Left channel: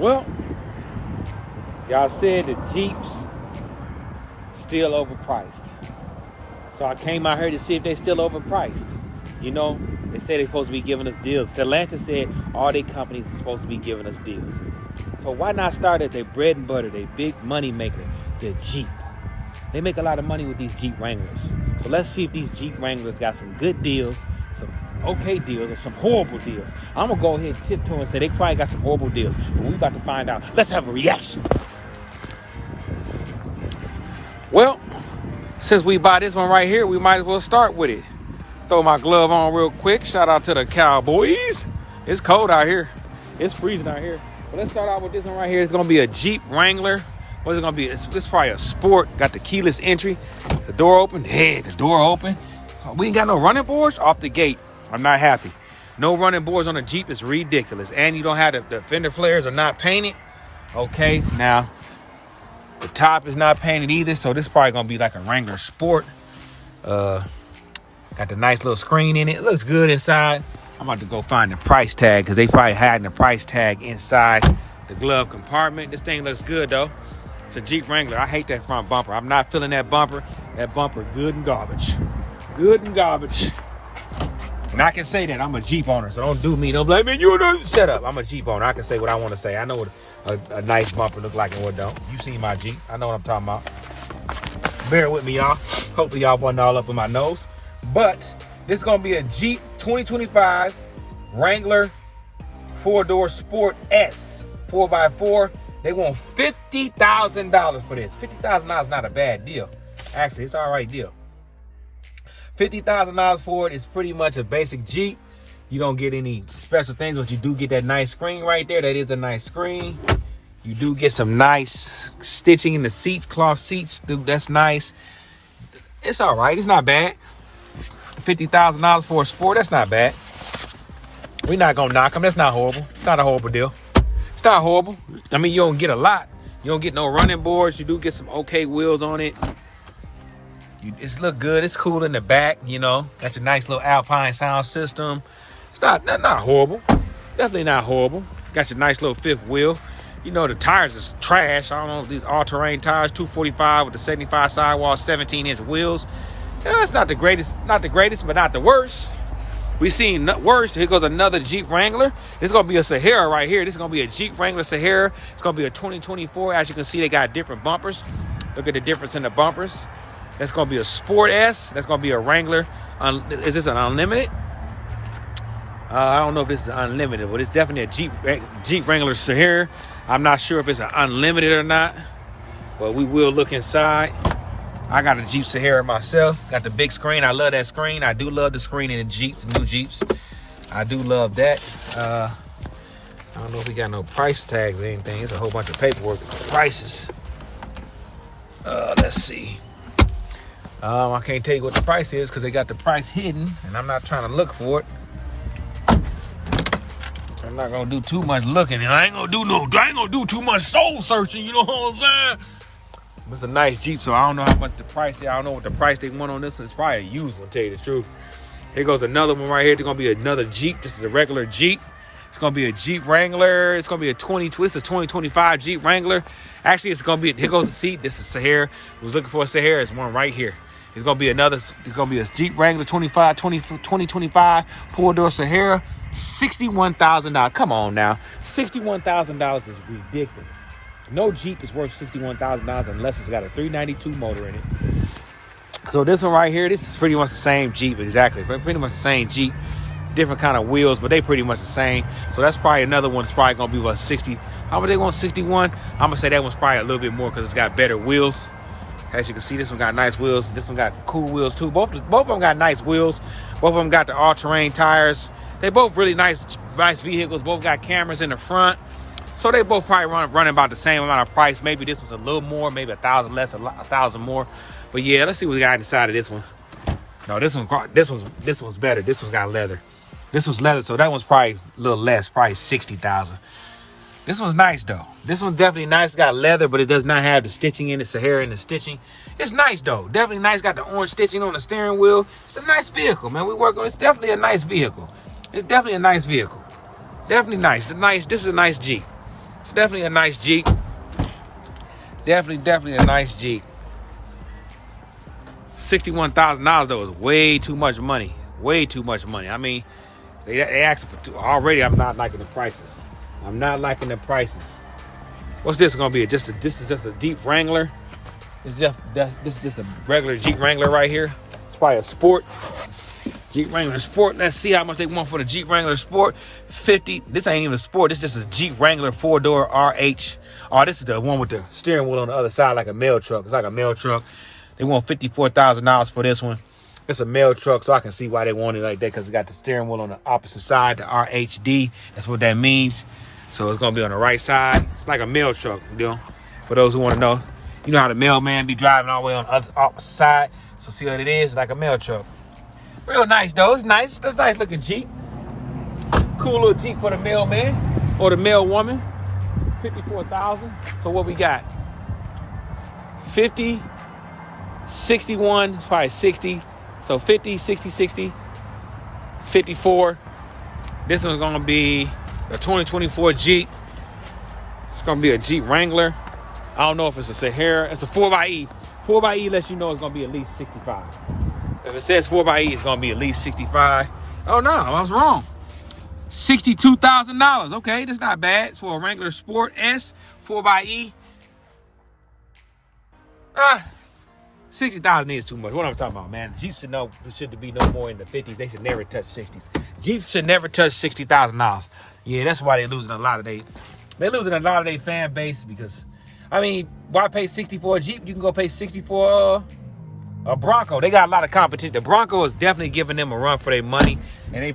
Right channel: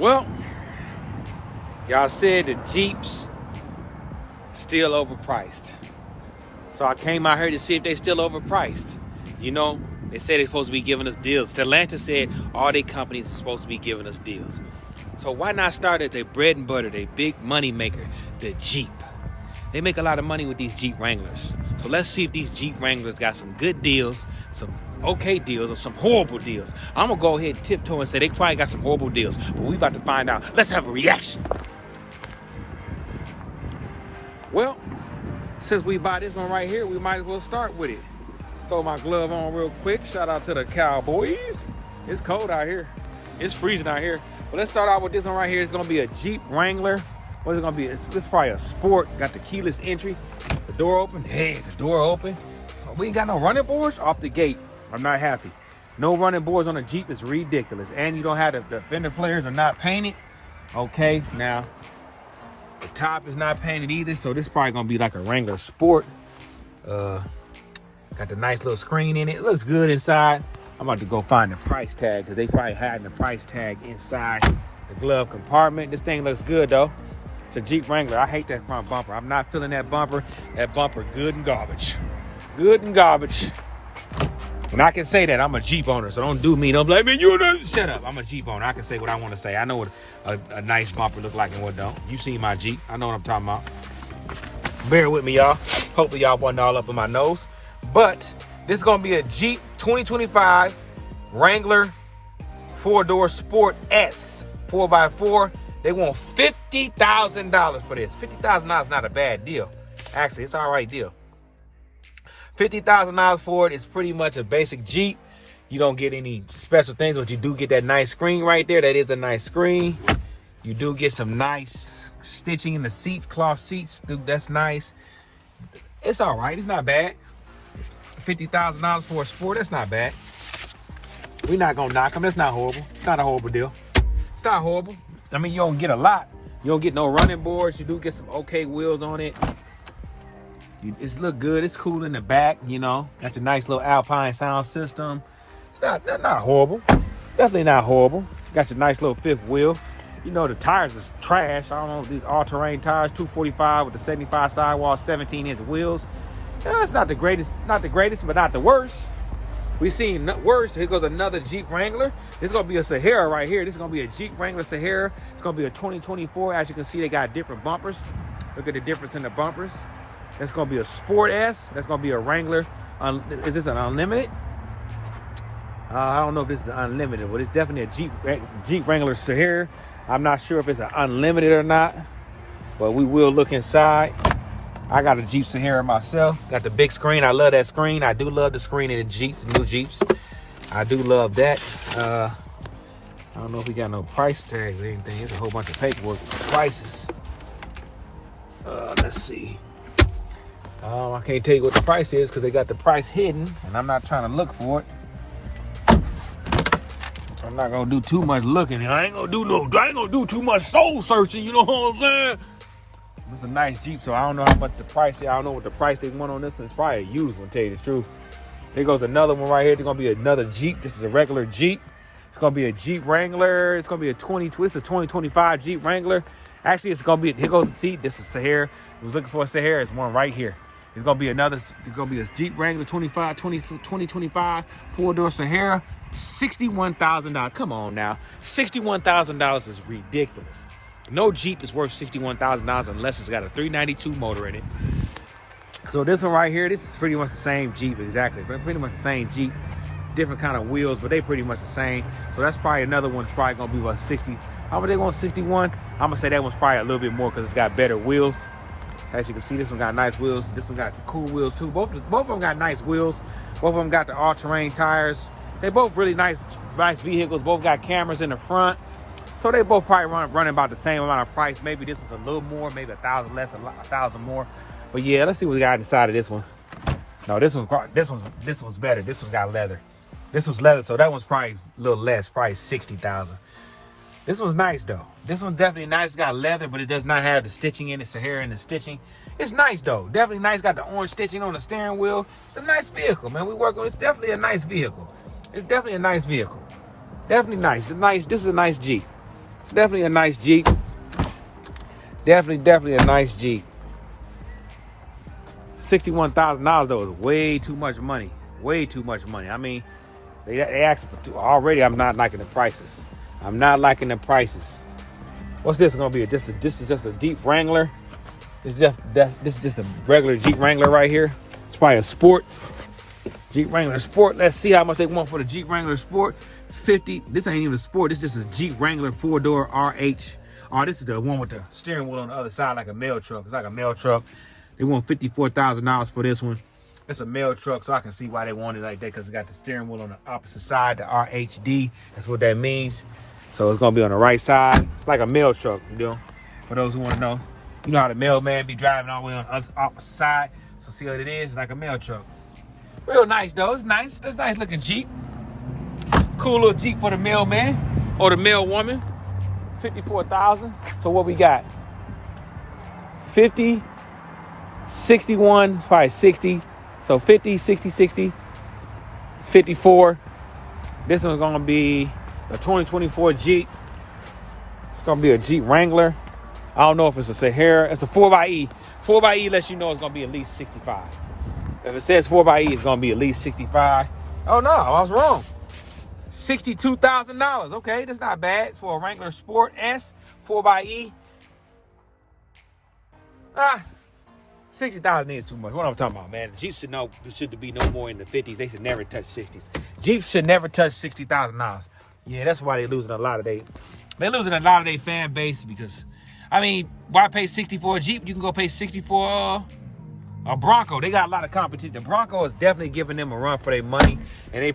Well, y'all said the Jeeps still overpriced. So I came out here to see if they still overpriced. You know, they say they're supposed to be giving us deals. Stellantis said all their companies are supposed to be giving us deals. So why not start at their bread and butter, their big money maker, the Jeep? They make a lot of money with these Jeep Wranglers. So let's see if these Jeep Wranglers got some good deals, some okay deals, or some horrible deals. I'm gonna go ahead and tiptoe and say they probably got some horrible deals, but we about to find out. Let's have a reaction. Well, since we buy this one right here, we might as well start with it. Throw my glove on real quick. Shout out to the Cowboys. It's cold out here. It's freezing out here. But let's start out with this one right here. It's gonna be a Jeep Wrangler. What's it gonna be? It's probably a sport. Got the keyless entry. The door open. Hey, the door open. We ain't got no running boards off the gate. I'm not happy. No running boards on a Jeep is ridiculous. And you don't have the fender flares are not painted. Okay, now the top is not painted either. So this is probably gonna be like a Wrangler Sport. Got the nice little screen in it. It looks good inside. I'm about to go find the price tag because they probably had the price tag inside the glove compartment. This thing looks good though. It's a Jeep Wrangler. I hate that front bumper. I'm not feeling that bumper. That bumper good and garbage. Good and garbage. And I can say that I'm a Jeep owner, so don't do me. Don't blame me. You know, shut up. I'm a Jeep owner. I can say what I want to say. I know what a nice bumper look like and what don't. You see my Jeep. I know what I'm talking about. Bear with me, y'all. Hopefully y'all wasn't all up in my nose. But this is going to be a Jeep 2025 Wrangler 4-door Sport S 4x4. They want $50,000 for this. $50,000 is not a bad deal. Actually, it's an all right deal. $50,000 for it is pretty much a basic Jeep. You don't get any special things, but you do get that nice screen right there. That is a nice screen. You do get some nice stitching in the seats, cloth seats. Dude, that's nice. It's all right. It's not bad. $50,000 for a Sport, that's not bad. We're not going to knock them. That's not horrible. It's not a horrible deal. It's not horrible. I mean, you don't get a lot. You don't get no running boards. You do get some okay wheels on it. It's look good. It's cool in the back, you know. Got your nice little Alpine sound system. It's not horrible. Definitely not horrible. Got your nice little fifth wheel. You know, the tires is trash. I don't know, these all-terrain tires, 245 with the 75 sidewall, 17-inch wheels. Yeah, it's not the greatest, but not the worst. We seen worse. Here goes another Jeep Wrangler. This is gonna be a Sahara right here. This is gonna be a Jeep Wrangler Sahara. It's gonna be a 2024. As you can see, they got different bumpers. Look at the difference in the bumpers. That's gonna be a Sport S. That's gonna be a Wrangler. Is this an unlimited? I don't know if this is unlimited, but it's definitely a Jeep Wrangler Sahara. I'm not sure if it's an unlimited or not, but we will look inside. I got a Jeep Sahara myself. Got the big screen. I love that screen. I do love the screen in the Jeeps, new Jeeps. I do love that. I don't know if we got no price tags or anything. It's a whole bunch of paperwork and prices. Let's see. I can't tell you what the price is because they got the price hidden, and I'm not trying to look for it. I'm not gonna do too much looking. I ain't gonna do too much soul searching. You know what I'm saying? It's a nice Jeep, so I don't know how much the price is. I don't know what the price they want on this. It's probably a used one, to tell you the truth. Here goes another one right here. It's gonna be another Jeep. This is a regular Jeep. It's gonna be a Jeep Wrangler. It's gonna be a 2025 Jeep Wrangler. Actually, it's gonna be, here goes the seat. This is Sahara. I was looking for a Sahara. It's one right here. It's gonna be a Jeep Wrangler 2025 4-door Sahara. $61,000. Come on now. $61,000 is ridiculous. No Jeep is worth $61,000 unless it's got a 392 motor in it. So this one right here, this is pretty much the same Jeep, exactly. Pretty much the same Jeep, different kind of wheels, but they pretty much the same. So that's probably another one. It's probably gonna be about 60. How much they want? 61. I'm gonna say that one's probably a little bit more because it's got better wheels. As you can see, this one got nice wheels. This one got cool wheels too. Both of them got nice wheels. Both of them got the all-terrain tires. They both really nice vehicles. Both got cameras in the front. So they both probably running about the same amount of price. Maybe this one's a little more, maybe $1,000 less, $1,000 more. But yeah, let's see what we got inside of this one. No, this one's better. This one's got leather. This one's leather, so that one's probably a little less, probably $60,000. This one's nice though. This one's definitely nice. It's got leather, but it does not have the stitching in it, Sahara and the stitching. It's nice though. Definitely nice. Got the orange stitching on the steering wheel. It's a nice vehicle, man. We work on. It's definitely a nice vehicle. It's definitely a nice vehicle. Definitely nice. This is a nice Jeep. It's definitely a nice Jeep. Definitely a nice Jeep. $61,000 though is way too much money. Way too much money. I mean, they asked for two. Already I'm not liking the prices. I'm not liking the prices. What's this gonna be? This is just a Jeep Wrangler. This is just a regular Jeep Wrangler right here. It's probably a Sport. Jeep Wrangler Sport. Let's see how much they want for the Jeep Wrangler Sport. 50. This ain't even a Sport. This is just a Jeep Wrangler 4-door RH. Oh, this is the one with the steering wheel on the other side like a mail truck. It's like a mail truck. They want $54,000 for this one. It's a mail truck, so I can see why they want it like that, because it got the steering wheel on the opposite side, the RHD. That's what that means. So it's gonna be on the right side. It's like a mail truck, you know. For those who want to know, you know how the mailman be driving all the way on the other opposite side. So see what it is? It's like a mail truck. Real nice though. It's nice. That's a nice looking Jeep. Cool little Jeep for the mailman or the mail woman. 54,000. So what we got? 50, 61, probably 60. So 50, 60, 60, 54. This one's gonna be a 2024 Jeep. It's gonna be a Jeep Wrangler. I don't know if it's a Sahara. It's a 4xe. 4xe lets you know it's gonna be at least 65. If it says 4xe, it's gonna be at least 65. Oh no, I was wrong. $62,000. Okay, that's not bad. It's for a Wrangler Sport S 4xe. 60,000 is too much. What I'm talking about, man? Jeeps should be no more in the 50s. They should never touch 60s. Jeeps should never touch $60,000. Yeah, that's why they're losing a lot of their fan base, because I mean, why pay 60 for a Jeep? You can go pay 60 for a Bronco. They got a lot of competition. The Bronco is definitely giving them a run for their money, and they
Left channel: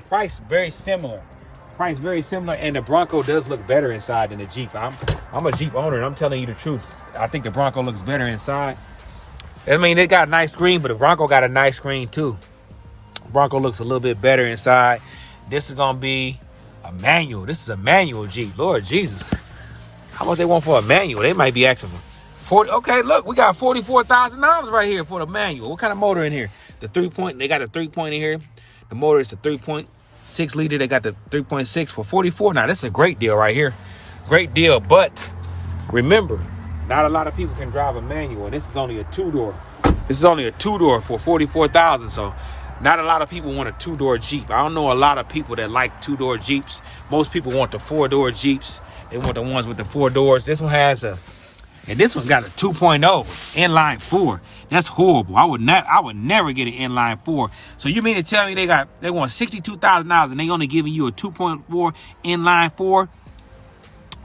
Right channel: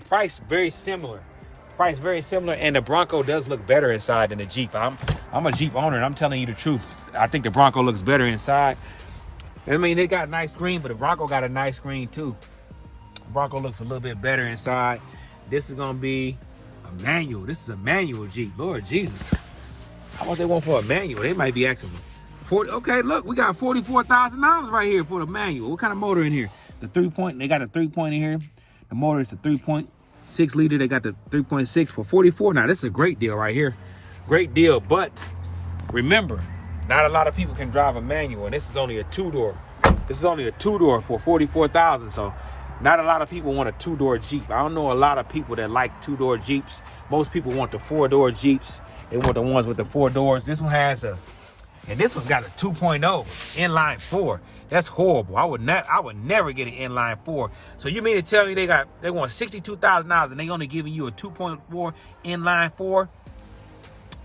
price very similar. And the Bronco does look better inside than the Jeep. I'm a Jeep owner, and I'm telling you the truth. I think the Bronco looks better inside. I mean, they got a nice screen, but the Bronco got a nice screen too. Bronco looks a little bit better inside. This is gonna be a manual. This is a manual Jeep. Lord Jesus, how much they want for a manual? They might be asking for 40. Okay, look, we got $44,000 right here for the manual. What kind of motor in here? The 3-point. They got a 3-point in here. The motor is a 3.6 liter. They got the 3.6 for 44. Now this is a great deal right here. Great deal, but remember, not a lot of people can drive a manual, and this is only a 2-door. This is only a 2-door for $44,000. So not a lot of people want a 2-door Jeep. I don't know a lot of people that like 2-door Jeeps. Most people want the 4-door Jeeps. They want the ones with the 4 doors. This one has and this one got a 2.0 inline 4. That's horrible. I would never get an inline 4. So you mean to tell me they want $62,000 and they only giving you a 2.4 inline 4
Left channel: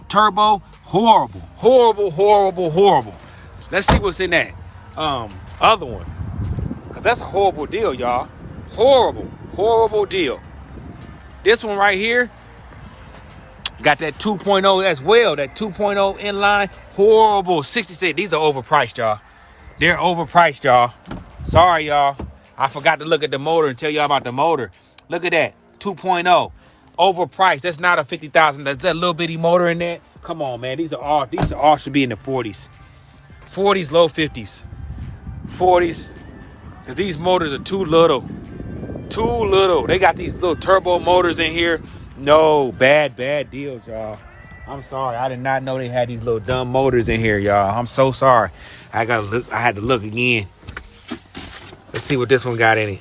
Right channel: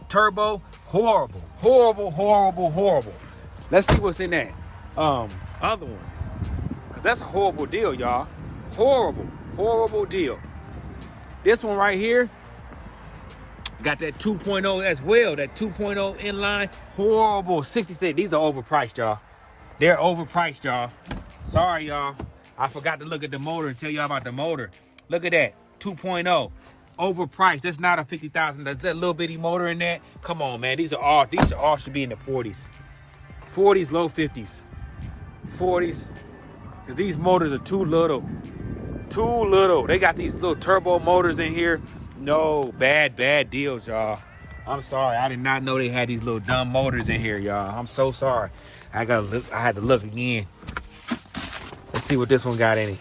turbo? Horrible. Let's see what's in that other one, because that's a horrible deal, y'all. Horrible deal. This one right here got that 2.0 as well. That 2.0 inline. Horrible. 66. These are overpriced, y'all. They're overpriced, y'all. Sorry, y'all. I forgot to look at the motor and tell y'all about the motor. Look at that. 2.0. Overpriced. That's not a 50,000. That's that little bitty motor in there. Come on, man. These all should be in the 40s. 40s, low 50s. 40s. Because these motors are too little. They got these little turbo motors in here. No, bad deals, y'all. I'm sorry. I did not know they had these little dumb motors in here, y'all. I'm so sorry. I had to look again. Let's see what this one got in it.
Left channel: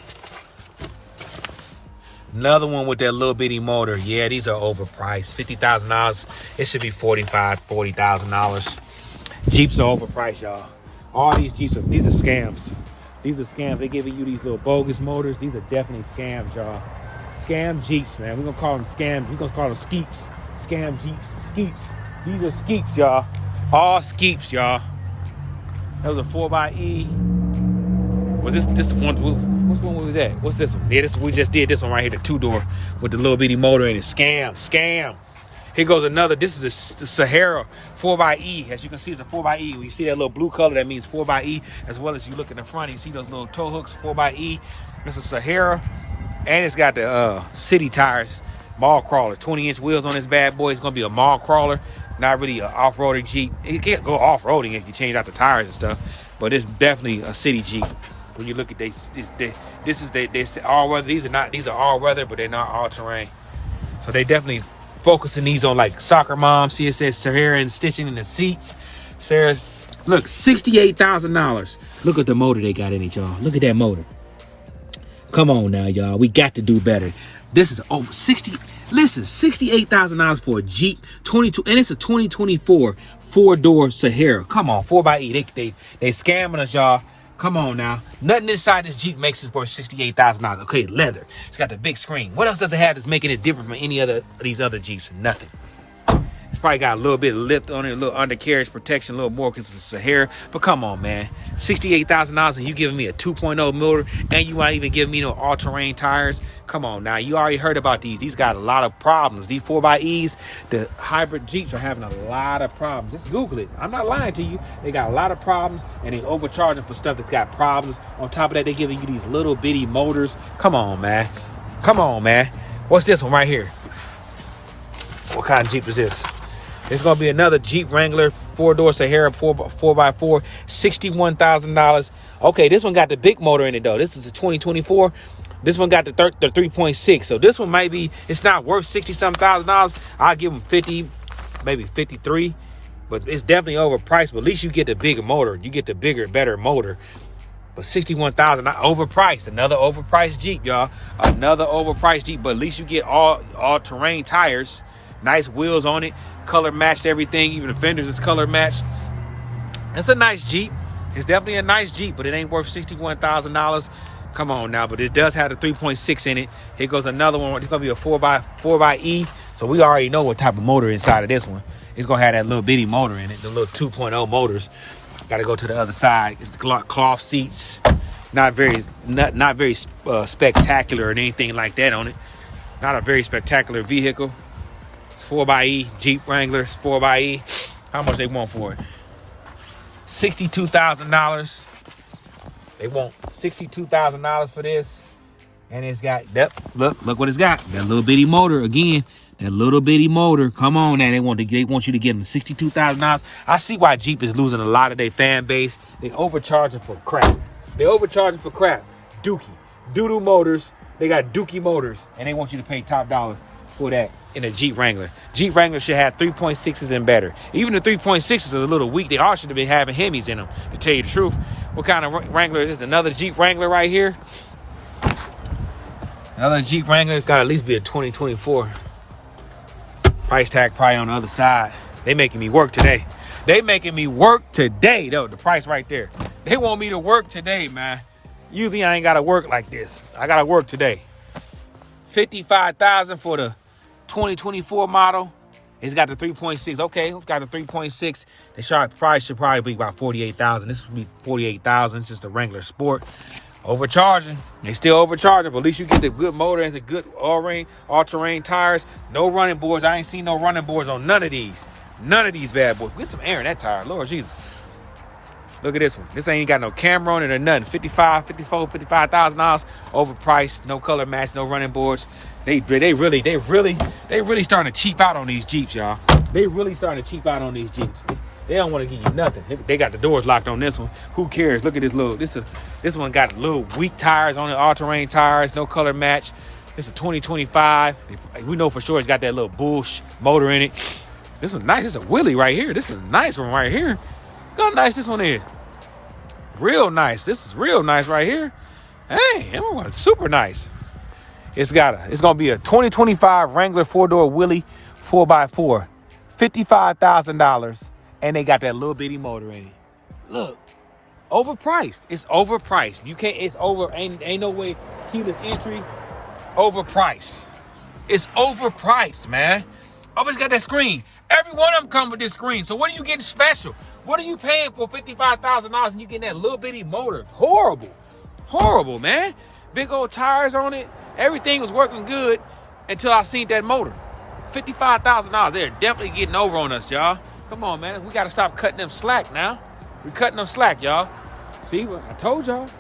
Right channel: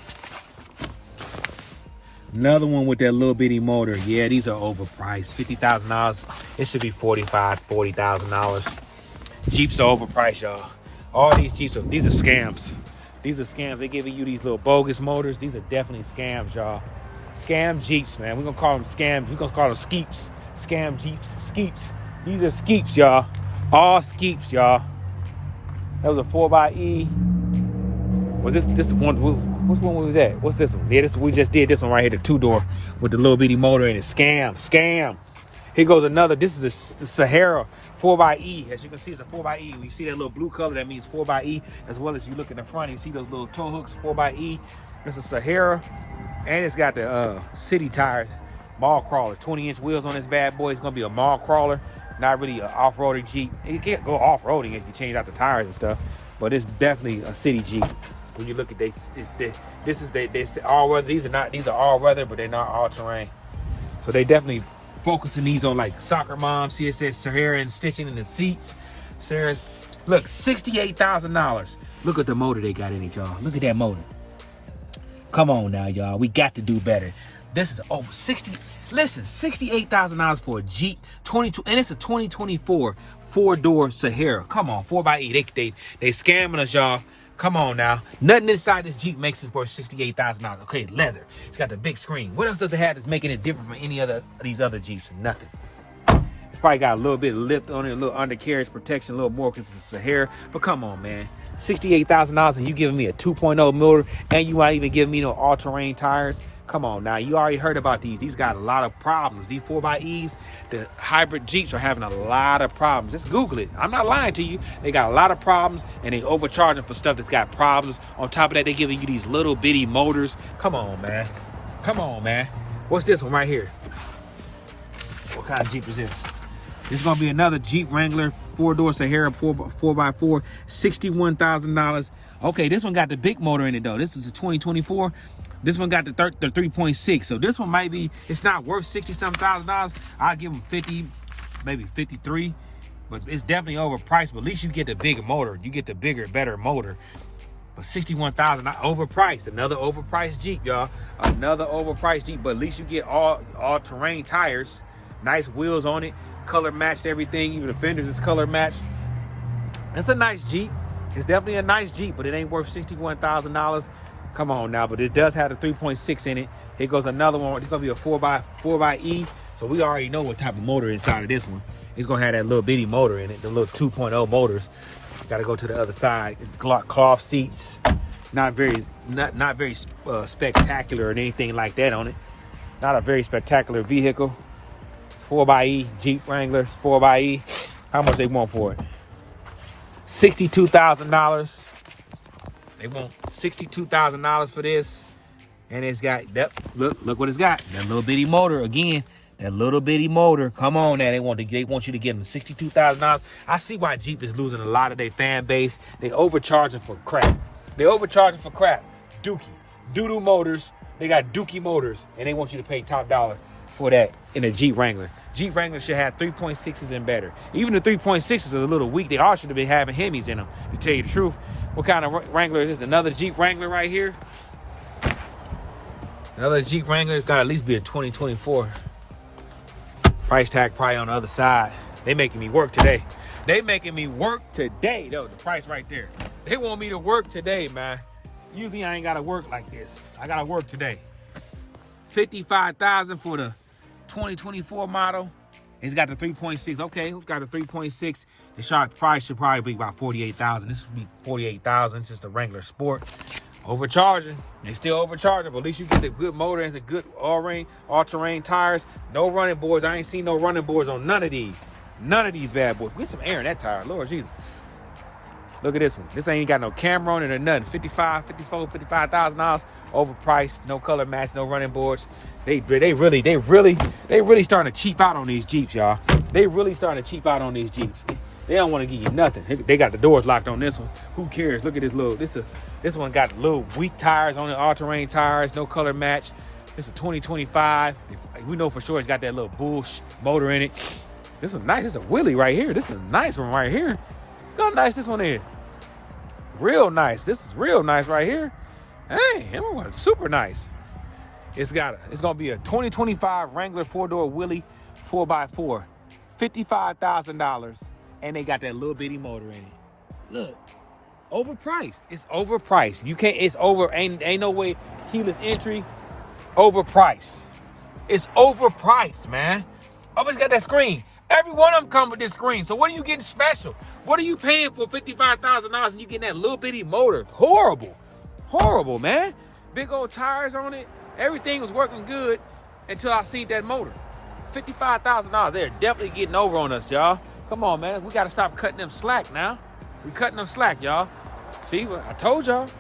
Another one with that little bitty motor. Yeah, these are overpriced. $50,000. It should be $40,000. Jeeps are overpriced, y'all. All these Jeeps these are scams. These are scams. They giving you these little bogus motors. These are definitely scams, y'all. Scam Jeeps, man. We're gonna call them scams. We're gonna call them skeeps. Scam Jeeps. Skeeps. These are skeeps, y'all. All skeeps, y'all. That was a 4xe. Was this one? Which one was that? What's this one? Yeah, we just did this one right here, the 2-door with the little bitty motor in it. Scam. Here goes another. This is the Sahara 4xe. As you can see, it's a 4xe. When you see that little blue color, that means 4xe. As well as you look in the front, you see those little tow hooks, 4xe. It's a Sahara, and it's got the city tires, mall crawler, 20-inch wheels on this bad boy. It's gonna be a mall crawler, not really an off-roading Jeep. It can't go off-roading if you change out the tires and stuff, but it's definitely a city Jeep. When you look at this is all weather. These are all weather, but they're not all terrain. So they definitely focusing these on like soccer mom. See, it says Sahara and stitching in the seats. Sarah, look, $68,000. Look at the motor they got in it, y'all. Look at that motor. Come on now, y'all. We got to do better. This is over 60. Listen, $68,000 for a Jeep 22, and it's a 2024 4-door Sahara. Come on, 4xe. They scamming us, y'all. Come on now. Nothing inside this Jeep makes it worth $68,000. Okay, leather. It's got the big screen. What else does it have that's making it different from any other of these other Jeeps? Nothing. It's probably got a little bit of lift on it, a little undercarriage protection, a little more because it's a Sahara. But come on, man. $68,000 and you giving me a 2.0 motor and you not even giving me no all-terrain tires? Come on now. You already heard about these. These got a lot of problems. These 4xEs, the hybrid Jeeps are having a lot of problems. Just Google it. I'm not lying to you. They got a lot of problems and they overcharging for stuff that's got problems. On top of that, they giving you these little bitty motors. Come on, man. Come on, man. What's this one right here? What kind of Jeep is this? It's going to be another Jeep Wrangler 4-door Sahara 4x4, $61,000. Okay, this one got the big motor in it, though. This is a 2024. This one got the 3.6. So this one might be, it's not worth $60-something. I'll give them 50, maybe 53. But it's definitely overpriced. But at least you get the bigger motor. You get the bigger, better motor. But $61,000, not overpriced. Another overpriced Jeep, y'all. Another overpriced Jeep. But at least you get all-terrain tires. Nice wheels on it. Color matched everything. Even the fenders is color matched. It's a nice Jeep. It's definitely a nice Jeep, but it ain't worth $61,000. Come on now, but it does have the 3.6 in it. Here goes another one. It's gonna be a 4xe. So we already know what type of motor inside of this one. It's gonna have that little bitty motor in it, the little 2.0 motors. Got to go to the other side. It's the cloth seats. Not very spectacular or anything like that on it. Not a very spectacular vehicle. 4xe Jeep Wrangler, 4xe. How much they want for it? $62,000. They want $62,000 for this, and it's got that. Look what it's got. That little bitty motor again. That little bitty motor. Come on, now they want you to give them $62,000. I see why Jeep is losing a lot of their fan base. They overcharging for crap. Dookie, doo-doo motors. They got Dookie motors, and they want you to pay top dollar for that in a Jeep Wrangler. Jeep Wrangler should have 3.6s and better. Even the 3.6s are a little weak. They all should have been having Hemis in them, to tell you the truth. What kind of Wrangler is this? Another Jeep Wrangler right here. Another Jeep Wrangler. It's got to at least be a 2024. Price tag probably on the other side. They making me work today. Though, the price right there. They want me to work today, man. Usually I ain't got to work like this. I got to work today. $55,000 for the 2024 model. It's got the 3.6. Okay, it's got the 3.6. The price should probably be about $48,000. This would be $48,000. It's just a Wrangler Sport. Overcharging. They still overcharging, but at least you get the good motor and the good all-terrain tires. No running boards. I ain't seen no running boards on none of these. None of these bad boys. Get some air in that tire. Lord Jesus. Look at this one. This ain't got no camera on it or nothing. $55,000 overpriced, no color match, no running boards. They really starting to cheap out on these Jeeps, y'all. They really starting to cheap out on these Jeeps. They don't want to give you nothing. They got the doors locked on this one. Who cares? Look at this little. This one got little weak tires on it, all-terrain tires, no color match. It's a 2025. We know for sure it's got that little Bush motor in it. This one's nice. It's a Willie right here. This is a nice one right here. Look how nice this one is. Real nice. This is real nice right here. Hey, everyone, super nice. It's gonna be a 2025 Wrangler 4-door Willie 4x4, $55,000, and they got that little bitty motor in it. Look, overpriced. It's overpriced. You can't. It's over. Ain't no way. Keyless entry. Overpriced. It's overpriced, man. Oh, it's got that screen. Every one of them come with this screen. So what are you getting special? What are you paying for $55,000 and you getting that little bitty motor? Horrible. Horrible, man. Big old tires on it. Everything was working good until I seen that motor. $55,000. They're definitely getting over on us, y'all. Come on, man. We got to stop cutting them slack now. We cutting them slack, y'all. See, I told y'all.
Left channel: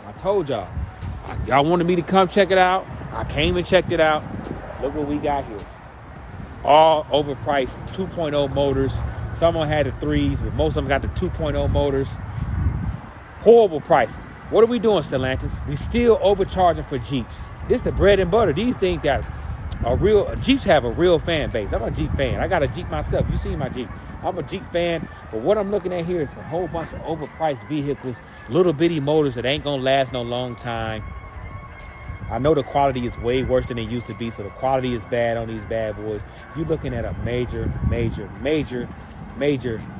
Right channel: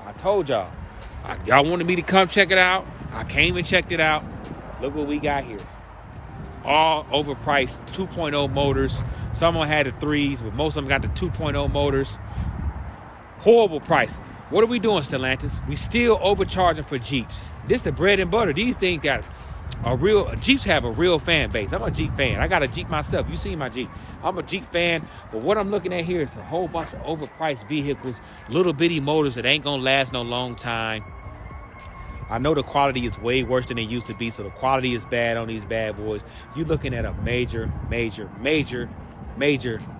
Y'all wanted me to come check it out. I came and checked it out. Look what we got here. All overpriced 2.0 motors. Some of them had the 3s, but most of them got the 2.0 motors. Horrible pricing. What are we doing, Stellantis? We still overcharging for Jeeps. This the bread and butter. These things got Jeeps have a real fan base. I'm a Jeep fan. I got a Jeep myself. You see my Jeep. I'm a Jeep fan, but what I'm looking at here is a whole bunch of overpriced vehicles, little bitty motors that ain't gonna last no long time. I know the quality is way worse than it used to be, so the quality is bad on these bad boys. You're looking at a major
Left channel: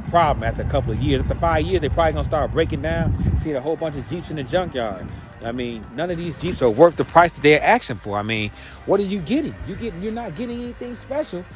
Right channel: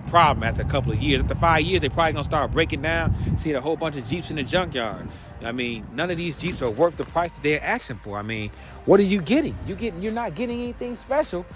problem after a couple of years. After 5 years, they're probably gonna start breaking down. See a whole bunch of Jeeps in the junkyard. I mean, none of these Jeeps are worth the price that they're asking for. I mean, what are you getting? You're not getting anything special.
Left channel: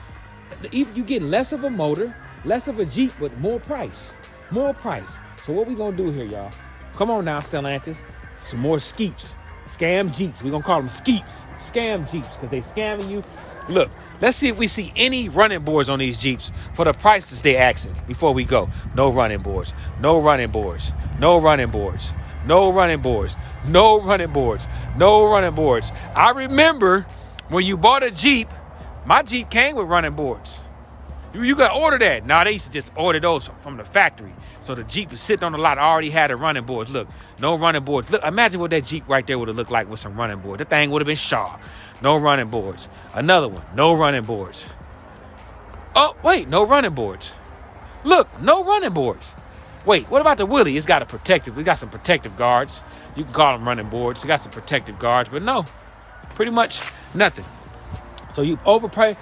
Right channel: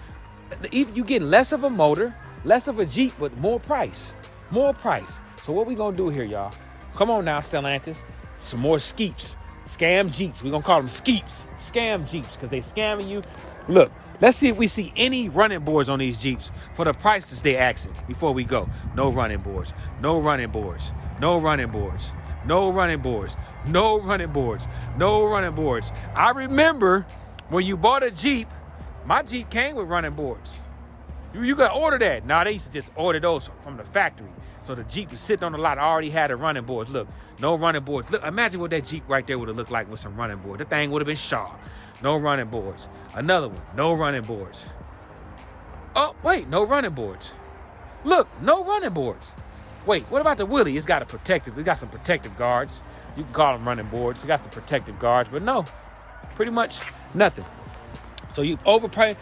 You're getting less of a motor, less of a Jeep, but more price. More price. So what we gonna do here, y'all? Come on now, Stellantis. Some more skeeps. Scam Jeeps. We're gonna call them skeeps. Scam Jeeps, because they scamming you. Look, let's see if we see any running boards on these Jeeps for the prices they asking before we go. No running boards. No running boards. No running boards. No running boards. No running boards. No running boards. I remember when you bought a Jeep, my Jeep came with running boards. You got to order that. Nah, they used to just order those from the factory. So the Jeep was sitting on the lot, already had a running boards. Look, no running boards. Look, imagine what that Jeep right there would have looked like with some running boards. That thing would have been sharp. No running boards. Another one, no running boards. Oh, wait, no running boards. Look, no running boards. Wait, what about the Willie? It's got some protective guards. You can call them running boards. It got some protective guards, but no, pretty much nothing. So you overpaying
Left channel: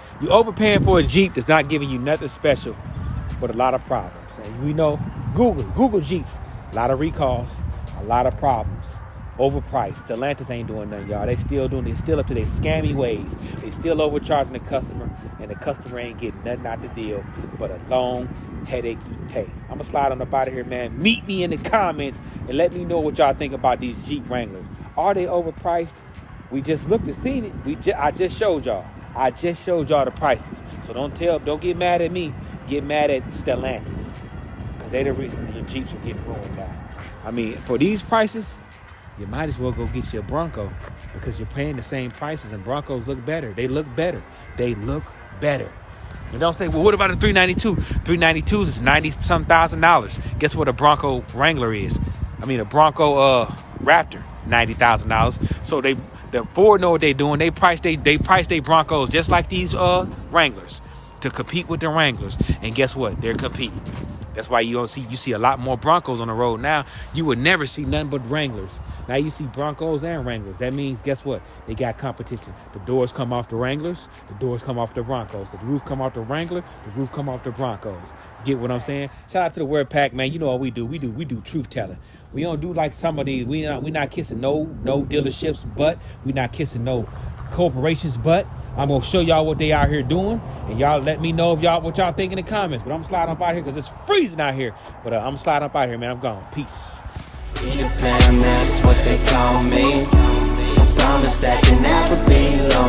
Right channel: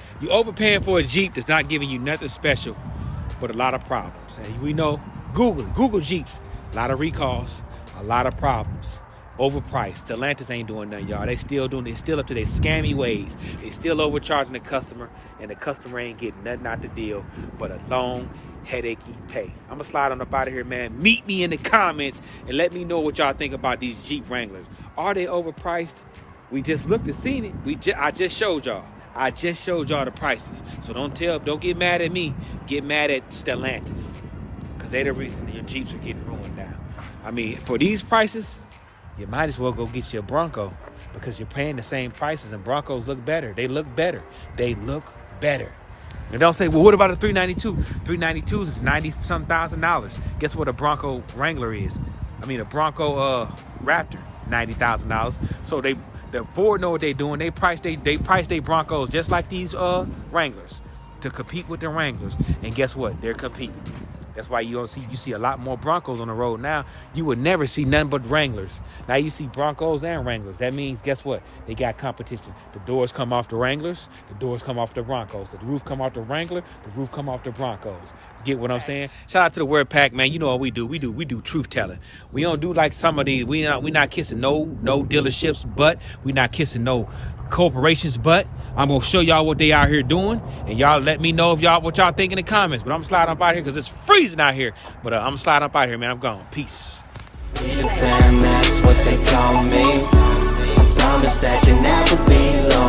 for a Jeep that's not giving you nothing special, but a lot of problems. And we know, Google Jeeps, a lot of recalls, a lot of problems. Overpriced. Stellantis ain't doing nothing, y'all. They still up to their scammy ways. They still overcharging the customer, and the customer ain't getting nothing out the deal but a long, headachy pay. I'm gonna slide on up out of here, man. Meet me in the comments and let me know what y'all think about these Jeep Wranglers. Are they overpriced? We just looked and seen it. I just showed y'all. The prices. So don't get mad at me. Get mad at Stellantis, because they're the reason your Jeeps are getting ruined now. I mean, for these prices, you might as well go get you a Bronco, because you're paying the same prices, and Broncos look better. They look better. And don't say, well, what about a 392? 392s is $90-some thousand. Guess what a Bronco Wrangler is? I mean, a Bronco Raptor, $90,000. So the Ford know what they're doing. They price they Broncos just like these Wranglers to compete with the Wranglers. And guess what? They're competing. That's why you see a lot more Broncos on the road now. You would never see nothing but Wranglers. Now you see Broncos and Wranglers. That means, guess what? They got competition. The doors come off the Wranglers. The doors come off the Broncos. The roof come off the Wrangler. The roof come off the Broncos. Get what I'm saying? Shout out to the Word Pack, man. You know what we do. We do truth telling. We don't do like some of these. We not kissing no dealerships, but we not kissing no corporations, but I'm gonna show y'all what they out here doing, and y'all let me know what y'all think in the comments. But I'm sliding up out here because it's freezing out here. But I'm sliding up out here, man. I'm gone. Peace. That's what they call me. I promise that you never be low.